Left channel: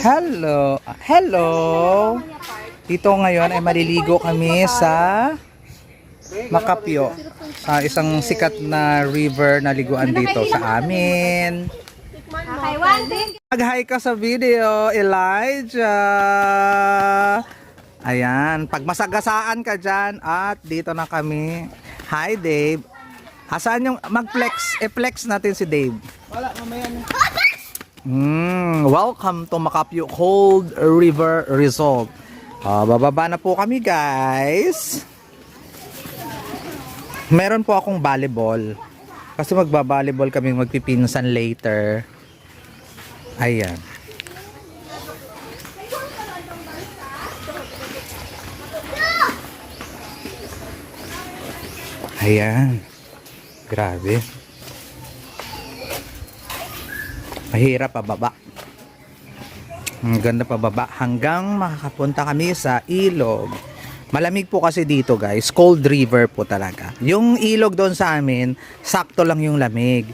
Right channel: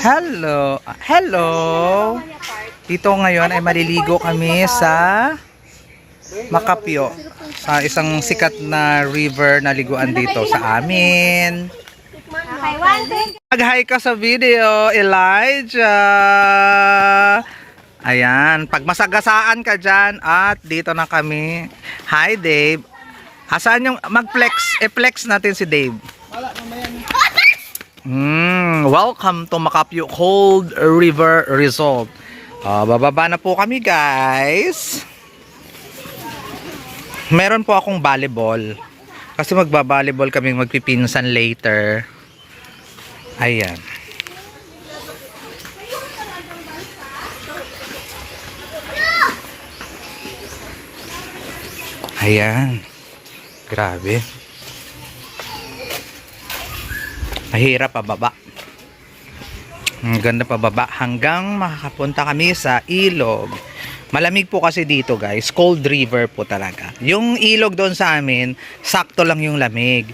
Hello. Hello. Dito ngayon ay maliligo kami sa Makapyo, sa isang sikat na river na liguan dito sa amin. Mag-hi ka sa video, Elijah. Ayan, pag masagasaan ka dyan at dito na kami. Hi Dave. Asaan yung mag-flex? E-flex natin si Dave. Wala, mamaya na. Welcome to Makapyo Cold River Resort. Bababa na po kami, guys. Meron po akong volleyball. Kasi magba-volleyball kami, magpipinsan later. Ayan. Ayan. Grabe. Mahirap pababa. Ang ganda pababa hanggang makakapunta kami sa ilog. Malamig po kasi dito, guys. Cold river po talaga. Yung ilog doon sa amin, sakto lang yung lamig.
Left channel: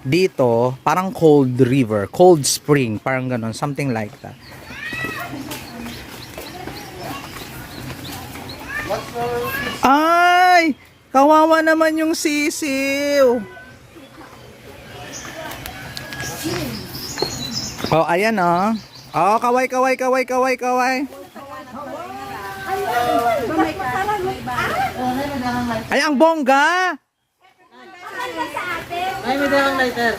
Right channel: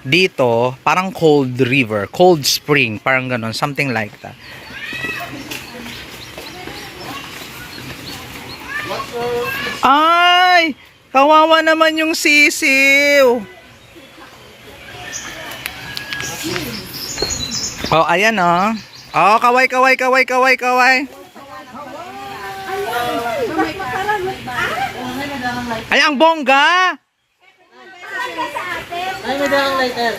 Dito, parang cold river, cold spring, parang ganon, something like that. Ay! Kawawa naman yung sisiw. Oh, ayan oh. Oh, kaway. Ay, ang bongga. Ay, may dalang lighter.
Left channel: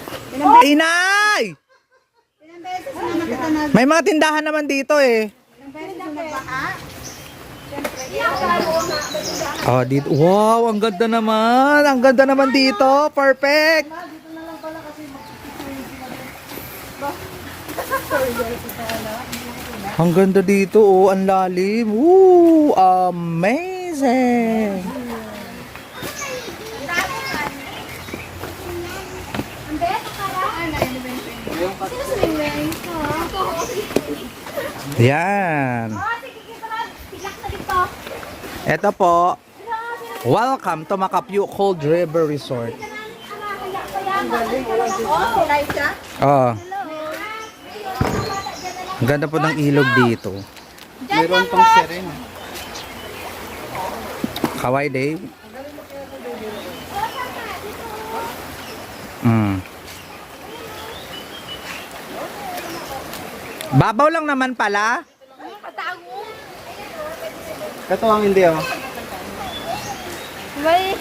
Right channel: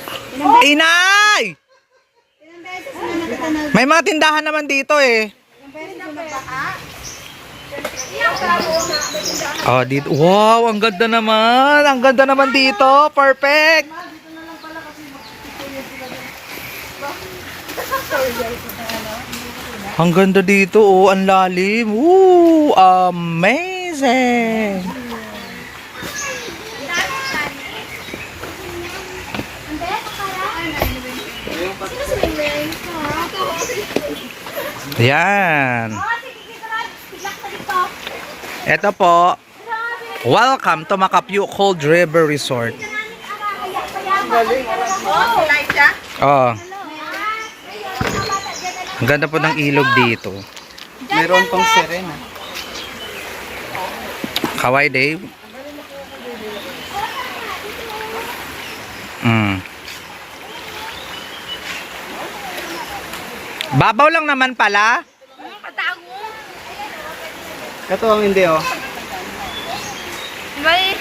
Inay! May mga tindahan naman dito eh. Oh, dito. Wow, ang ganda naman. Ang ganda naman dito. Perfect. Ang ganda dito, oh, ang lalim. Woo, amazing. Yan. Ito po. Welcome to Makapyo Cold River Resort. Oh. Ang ganda po ng ilog dito. Mayroon pang serena. Kaway, Dave. Babaw lang naman pala. Kato ang hindi oh. May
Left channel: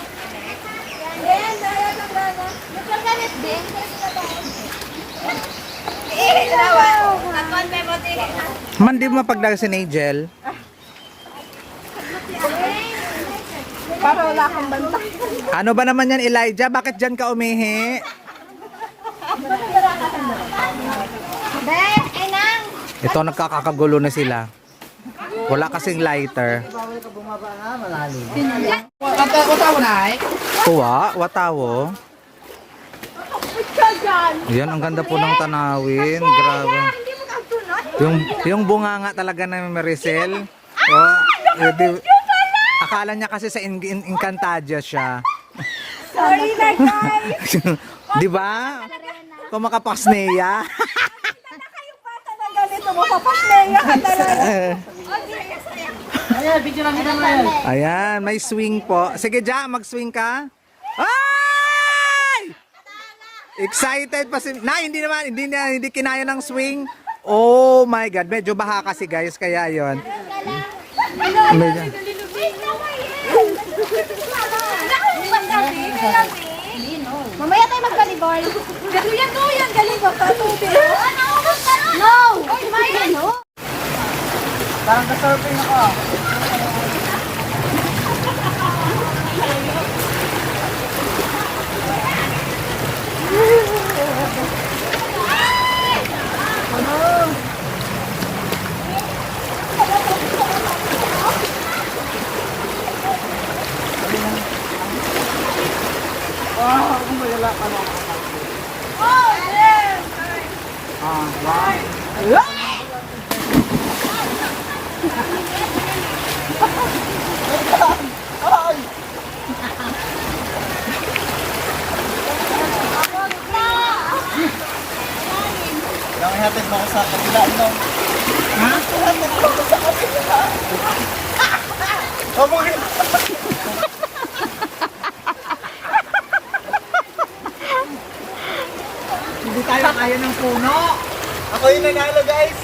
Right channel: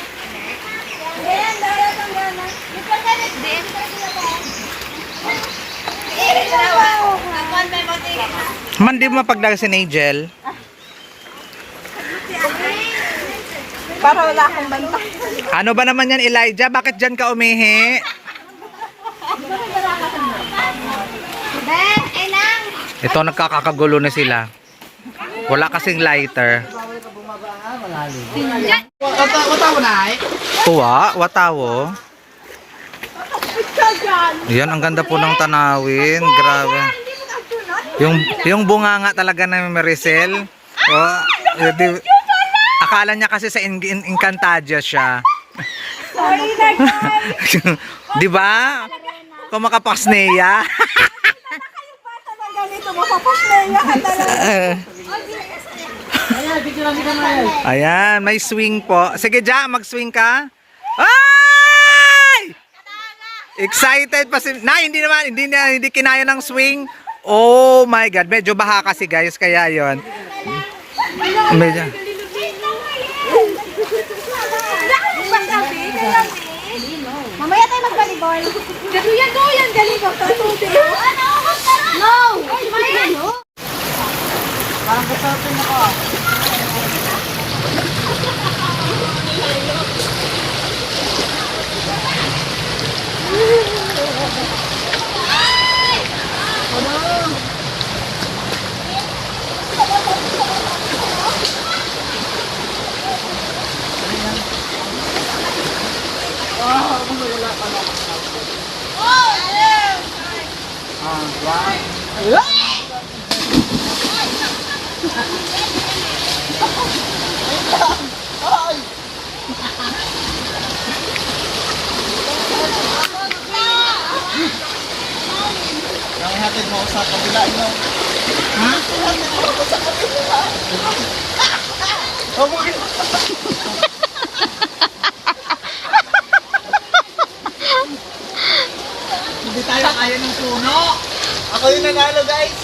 Man, di mo mapagdaga si Nigel. para wala akong banta. Ano ba naman yan, Elijah? Bakit dyan ka umihi? Ben, enang. Ito, nagkakagulo na sila. Wala kasing lighter. Katawa na eh. Tuwa, watawo. Yan, ang ganda po ng tanawin. Grabe. Yung bunganga talaga ng Maricel. Oh, akala niya kasi sa Encantadia siya. Sorry na guys. Di ba? Kumakapasneya. Ganito mo, papasneya ka talaga. Ayan, video lang kita ngayon. Ayan, may swing po. Sige, Ja, mag-swing ka. Ay! Excited pa si... hindi kinaya ng swing. Oh my God, medyo baha kasi guys, kaya yon. Medyo... Mamaya tayo mag-volleyball. Yan, volleyball. No! Ay, no? Parang kasalpin ako ah. Kung wala ka na ako. Lang ihatid mo ko sa kabila, no? Ha? Ihatid mo ko sa kabila. Kamu rin. Hindi tayo kaya ng puno. Ako yung nanalo, guys.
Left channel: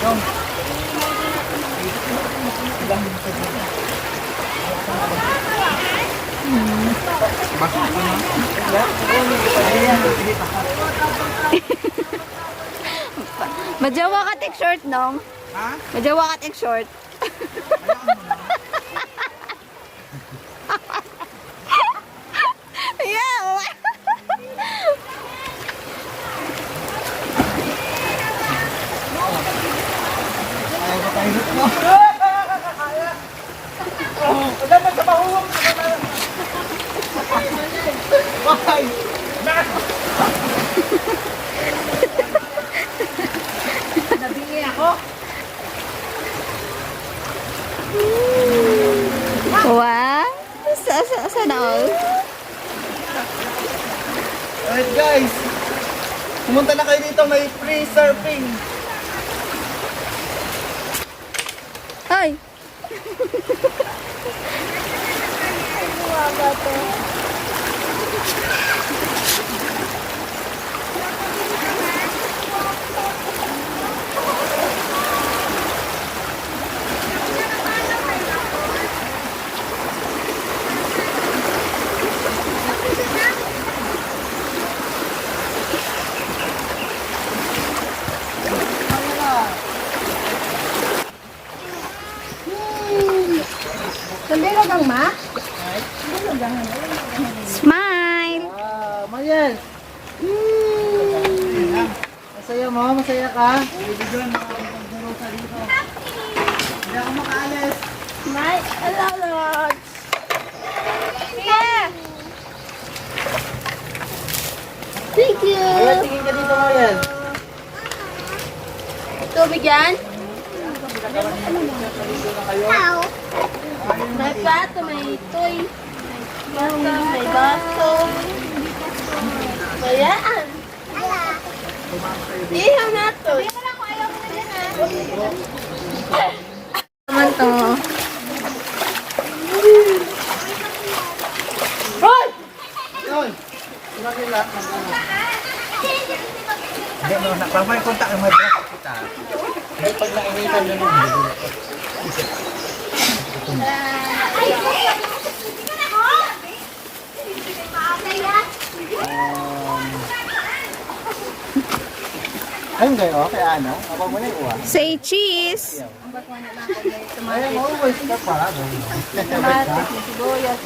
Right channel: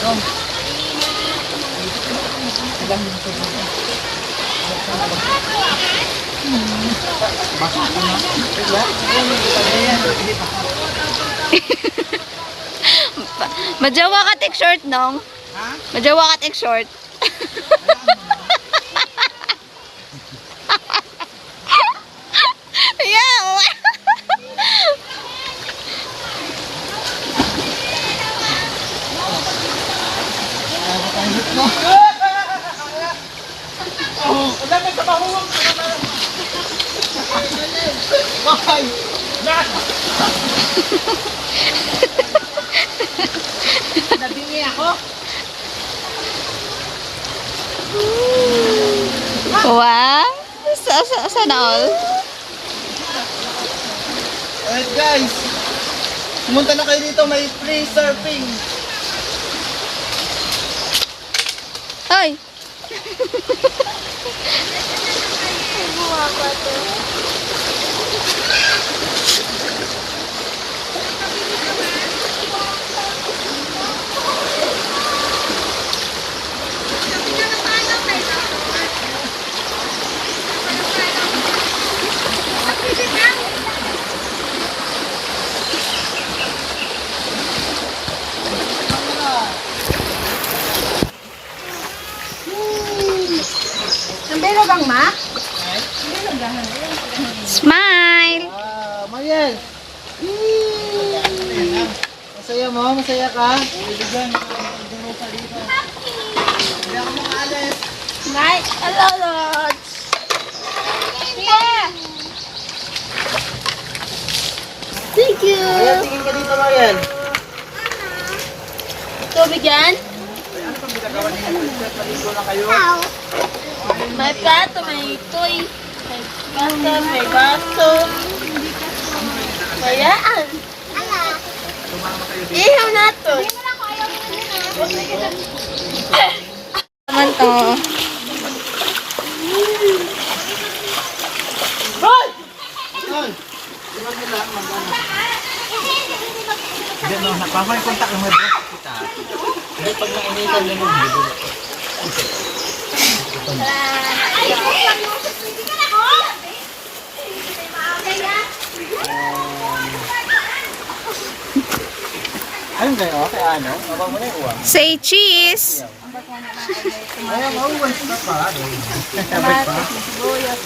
Yung. Basta ka na. Majawa ka tek short, nong. Ha? Majawa ka tek short. Yeah. Ayaw ko tayo hit mo. Wala na sa mahuwang ka na. Bakay. Nabingi ako. Wow. Sana all. Alright guys. Pumunta na kayo dito, may free surfing. Ay. Sandali bang, ma? Smile! Mayel. Masaya mo? Masaya ka? Bibigyan mo ng ka dito. Hindi ako makaalis. Smile! Hello, Lord! Yeah! Thank you! Mayel, tingin ka dito, Mayel. Tubig yan? Dito na kayo. May plato, may toy. May plato, may baso. Ayan. Ihaw na to. Naman to. Ayun. Sila mag-ano. Hindi, no, napamay kontak ang may boss kita. Hindi, pag nainitan na nung bibili ko. Ayun kayo, kaya ano? Kapag mo na yung uwa. Say cheese. Ay, mauwais ka pa. Sabay pa?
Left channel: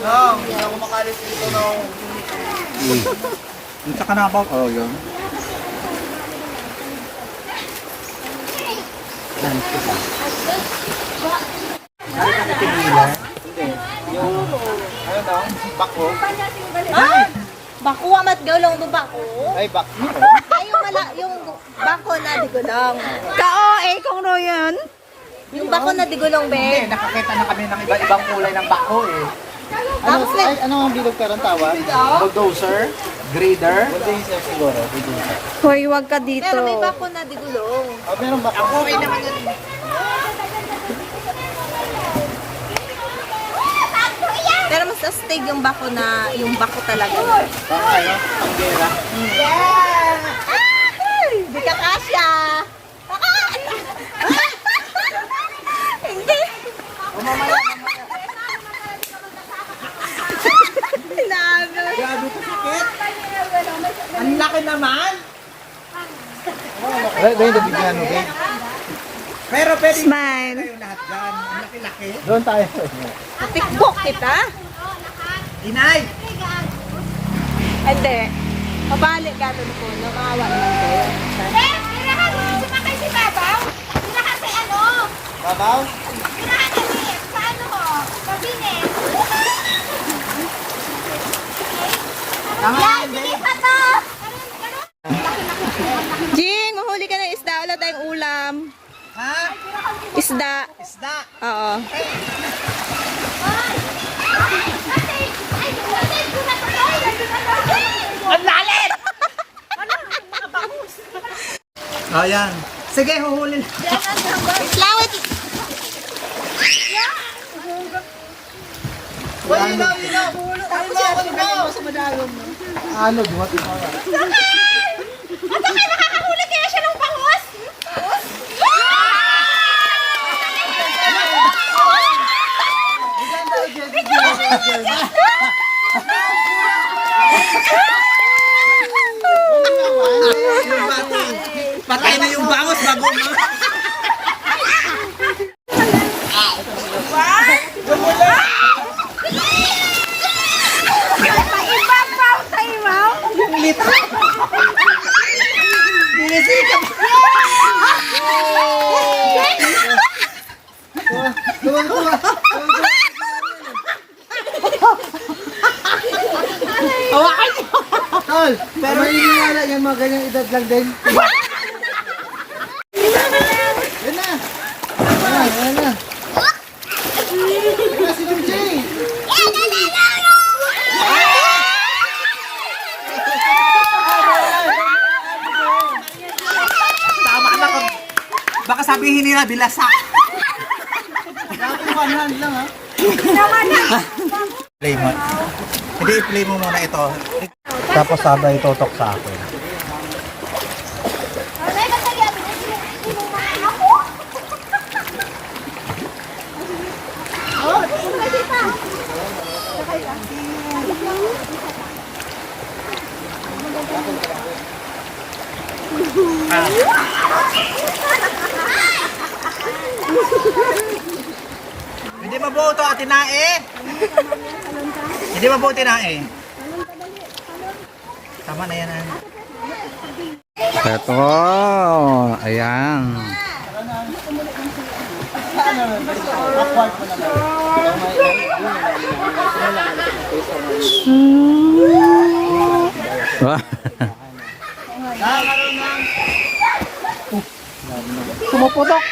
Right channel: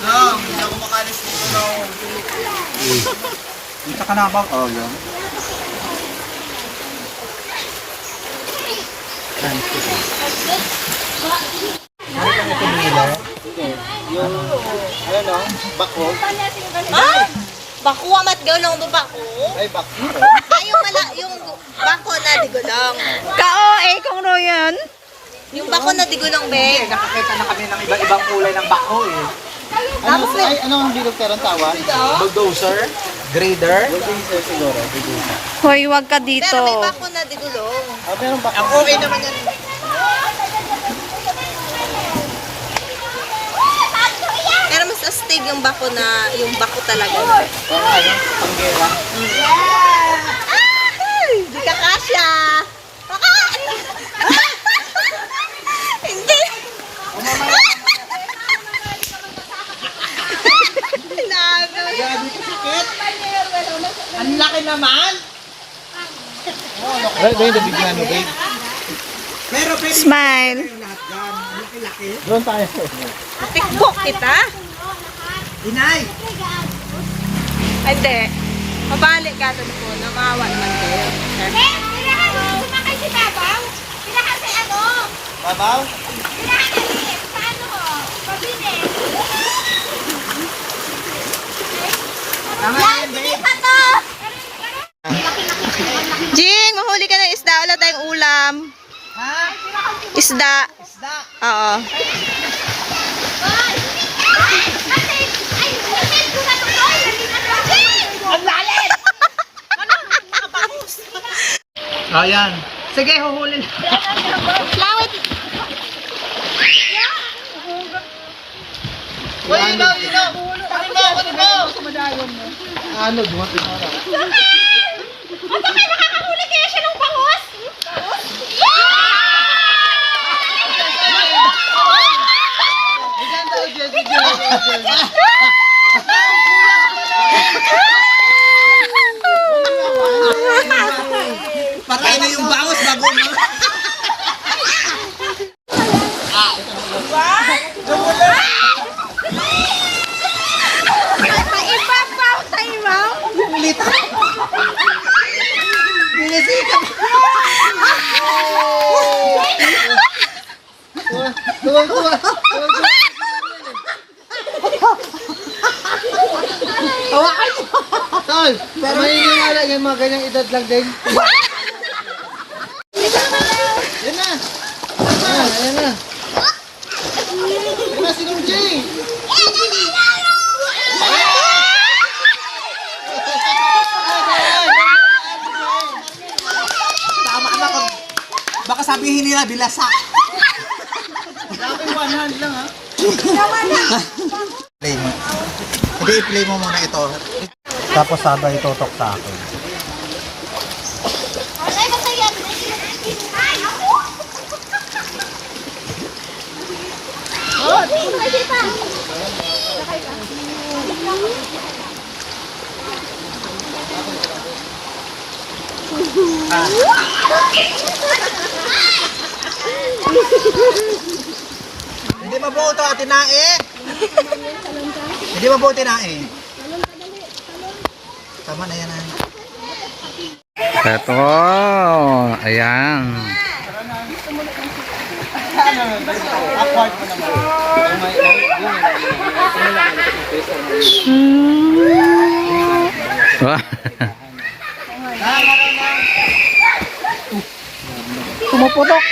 No, hindi ako makalis dito no. Dito ka na ba? Oo, yun. Saan kita? Saan ka na pinili? Yung, ayun o, bako. Ah! Bako amat gulong do bako. Ay, bako. Ay, yung bako na digulong. Kao eh kung royan. Yung bako na digulong, be. Nakakita na kami ng iba-ibang kulay ng bako eh. Ano, ay, ano ang bilog ka ron tawag? Bulldozer? Grader? Bulldozer siguro, bulldozer. Hoy, wag ka Pero may dito. bako na digulong. Ah, meron bako. Ako okay naman yun. Pero mas astig yung bako na, yung bako talaga. Pang ano? Panggera? Ay! Di ka kasya! Hindi! Lalo. Grabe ka sakit. Ang laki naman. Ay, babe, nabigyan mo, babe. Pero pwede Smile. doon tayo. Patikbok kita? Inay! Hindi. Mabalik ka doon po. Nakawa naman kayo. Tirahan mo, sumakay si Babaw. Tirahan si ano. Babaw? Tirahan si sa ano mo. Pabine. Ayan, babe. Jing, mahuli ka ng isda. Wala tayong ulam. Ha? Isda. Isda. Oo. Ang lalim! Ayan. Sige, huhulin. Lawit! Ano, bumapit. Ano ka nakakahuli kaya siya ng bangus? Patay na yung bangos bago ma. Iba pa sa imaw. Ulit. Binasikat. Tuwang-tuwa. Hawakan mo. Tol, pero hindi wala yan mga ganyang edad lang din. Yan na. Yan na. Yan na si Dong Jay. Tama na ko. Baka sabihin nila bilasa. Nakakaiwanan lang ha. Play mo. Hindi i-play mo muna ito. Tapos sabay itutok sa akin. Hindi mabuo ito, tinae. Hindi mabuo tinae. Tama na yan. Ito. Ayan. Awkward mo naman. Wah. Pumuputok.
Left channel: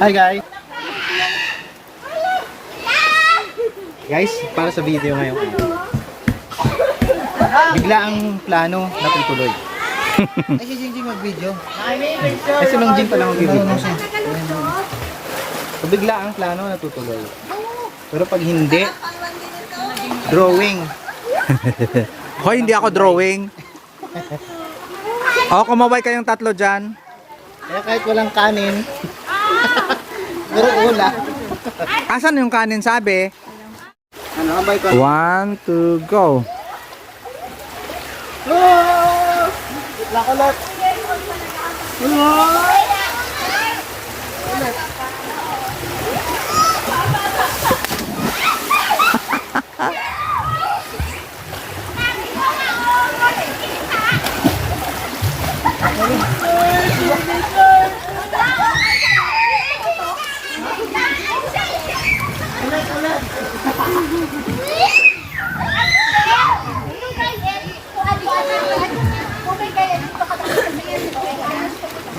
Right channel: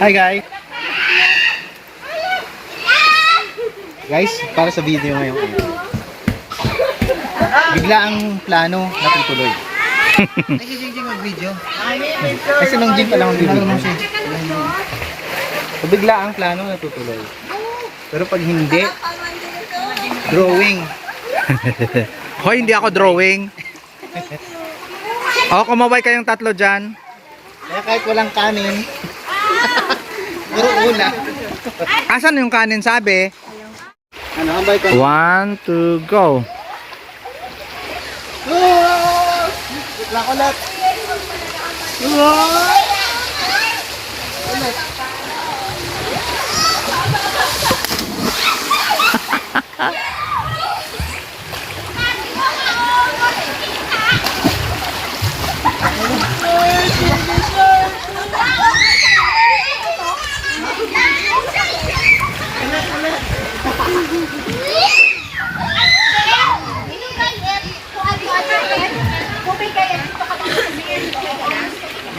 Hi guys. Guys, para sa video ngayon. Bigla ang plano natutuloy. Ay, Jingjing mag-video. Kasi nung Jing pa lang mag-video. So, bigla ang plano natutuloy. Pero pag hindi, drawing. Hoy, hindi ako drawing. O, kumaway kayong tatlo dyan. Kaya kahit walang kanin, pero una. Asan yung kanin sabi? Ano, ambay ko? 1, 2, go. Oh! Lakulat! Oh! Ulit.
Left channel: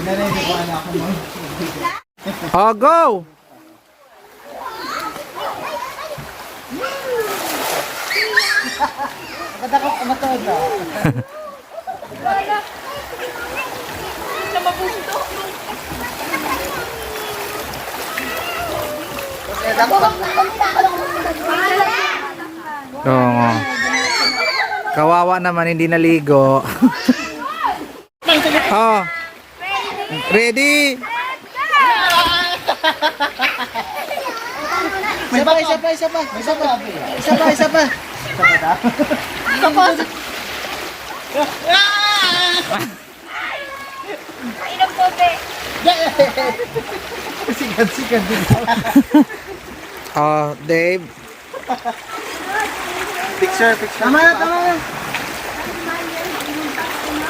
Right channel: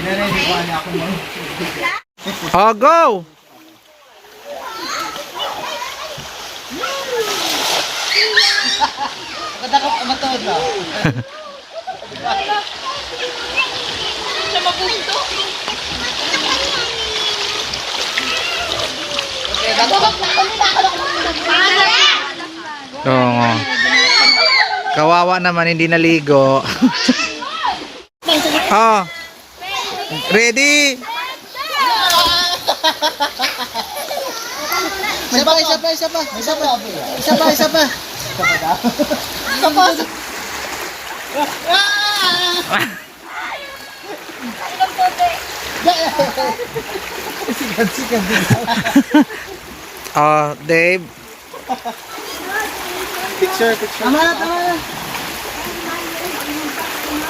Ginaredy ko na ako mo. O, go! Nakadakap ang matawad ba? Siya mabusto. Oo. Kawawa naman, hindi naligo. Oh. Ready? Isa pa. Isa pa. Isa pa. Isa pa. Isa pa daw. Isa pa. Ilang bote. Sikat. Oh, Dave. Picture. Tama na.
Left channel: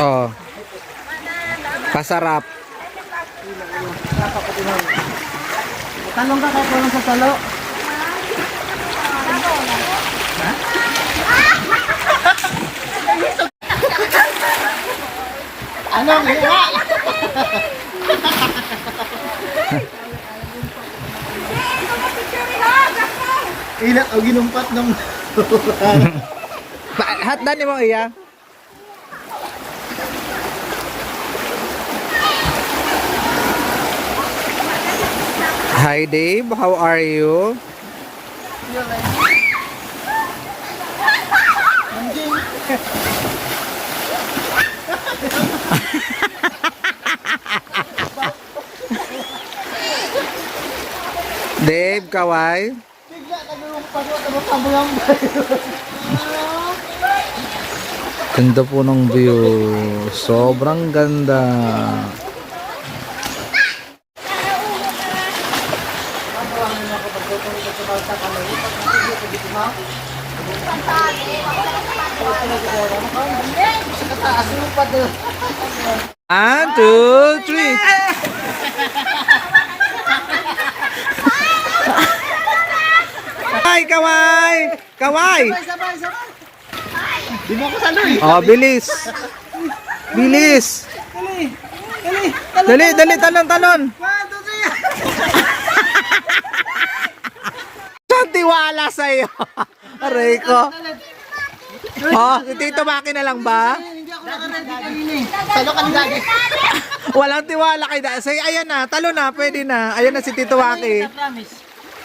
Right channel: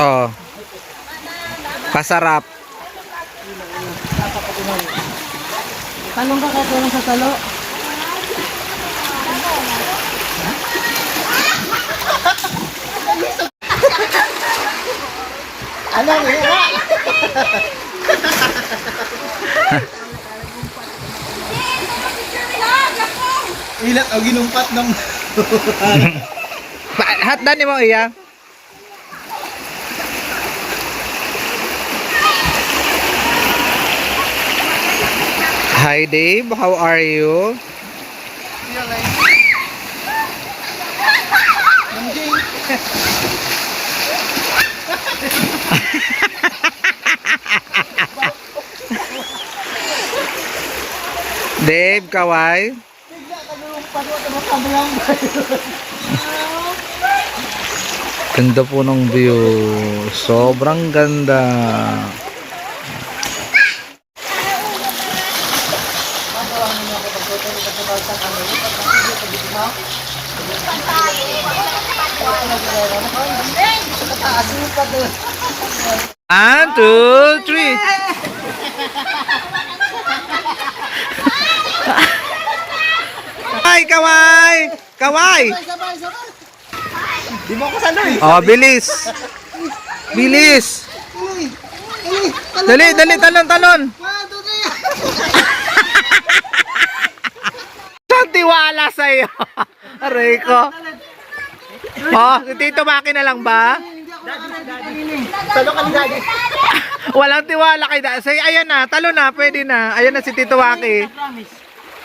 Oh. Pasarap. Tanong ka kung sa salo. Ano eh? Ilat o ginumpat ng Hatdan mo iya. Hi Dave, how are you? Dave, kaway. Ganda po ng view. Sobrang ganda. One, two, three. Kaway, kaway! Kaway! Di mo ako saloy. Oh, bilis. Bilis. Dali, dali, talon, talon. 1, 2, 3. Saan tiwala sa'yo? Aray ko. Oh, si Tito Maki na lang ba? Salo ka ni Daddy. Walang tiwala kay Dasay. Ayan na, talon na, pwede na. Ayan na si Tito Maki.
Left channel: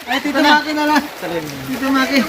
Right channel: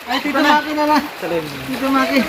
Ay, Tito Maki na lang. Tito Maki.